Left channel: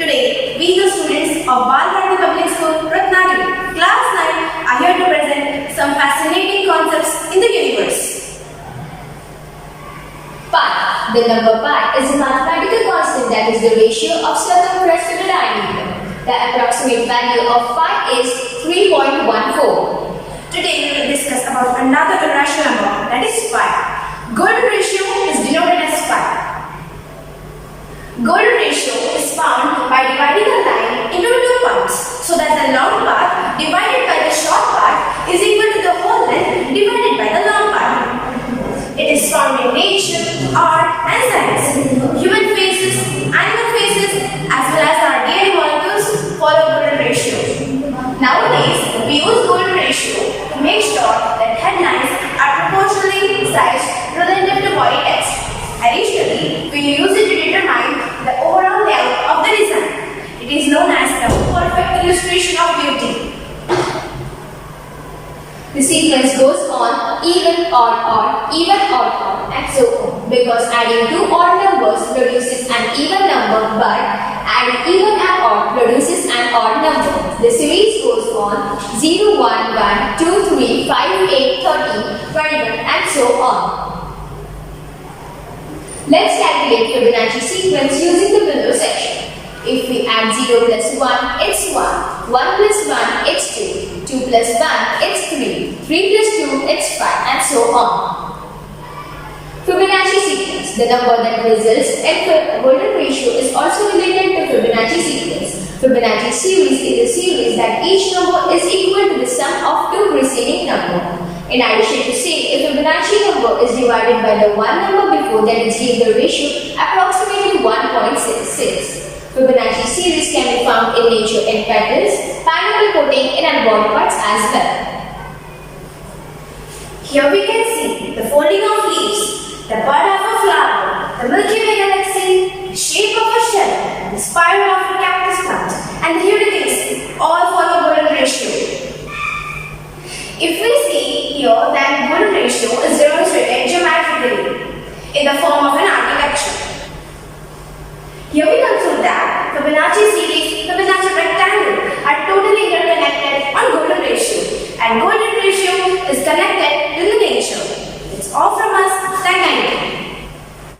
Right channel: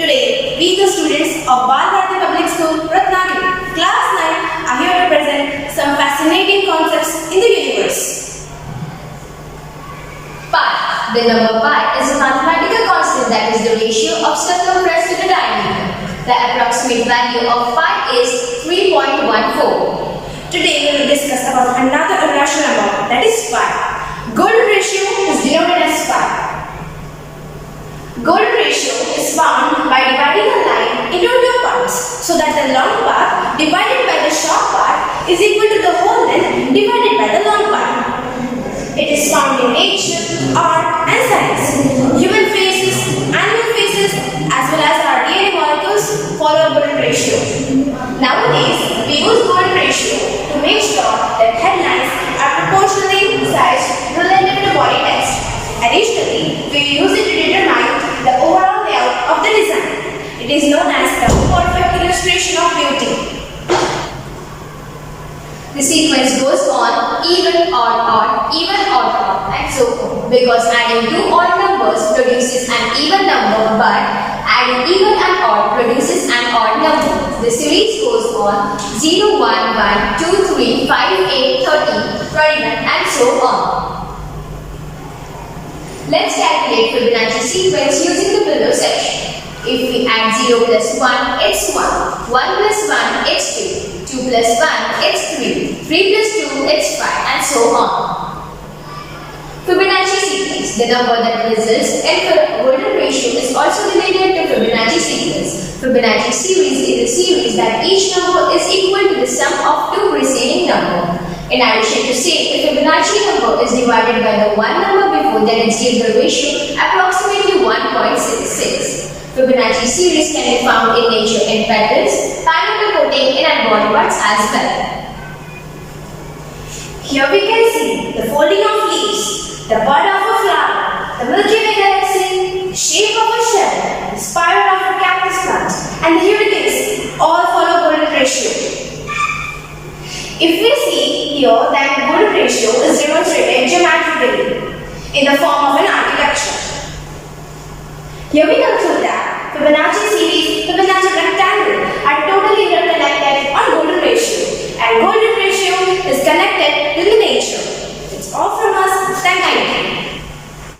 Today, we the students of Balbharati Public School, Ratnagiri, Class 9 are here to present some fascinating concepts in the universe. Pi. The number pi is a mathematical constant that is the ratio of circumference to the diameter. The approximate value of pi is 3.14. Today, we will discuss about another irrational number, that is pi. Golden ratio is denoted as pi. Golden ratio is found by dividing a line into two parts so that the long part divided by the short part is equal to the whole length divided by the long part. It is found in nature, art and science. Human faces, animal faces as well as our DNA molecules follow golden ratio. Nowadays, we use golden ratio to make sure that headlines are proportionally sized relative to body text. Additionally, we use it to determine the overall layout of the design. It is known as the perfect illustration of beauty. The sequence goes on even, odd, odd, even, odd, odd, and so on. Because adding two odd numbers produces an even number, but adding even and odd produces an odd number. The series goes on 0, 1, 1, 2, 3, 5, 8, 13, 21, and so on. Let's calculate Fibonacci sequence using the below section. If we add 0 plus 1, it's 1. 1 plus 1, it's 2. 2 plus 1, it's 3. 3 plus 2, it's 5, and so on. Fibonacci sequence, the number that results in the golden ratio, is also related to Fibonacci sequence. Fibonacci series is a series that each number is equal to the sum of two preceding numbers. In addition to say, if Fibonacci number is divided by the one number before, then it gives the ratio approximately 1.66. Fibonacci series can be found in nature in petals, pineapple coating, and body parts as well. Here we can see the folding of leaves, the bud of a flower, the Milky Way galaxy, the shape of a shell, the spiral of a cactus plant, and the hurricanes all follow golden ratio. If we see here that golden ratio is demonstrated geometrically in the form of an architecture. Here we conclude that Fibonacci series, Fibonacci rectangle are totally interconnected on golden ratio, and golden ratio is connected to the nature. It's all from us. Thank you.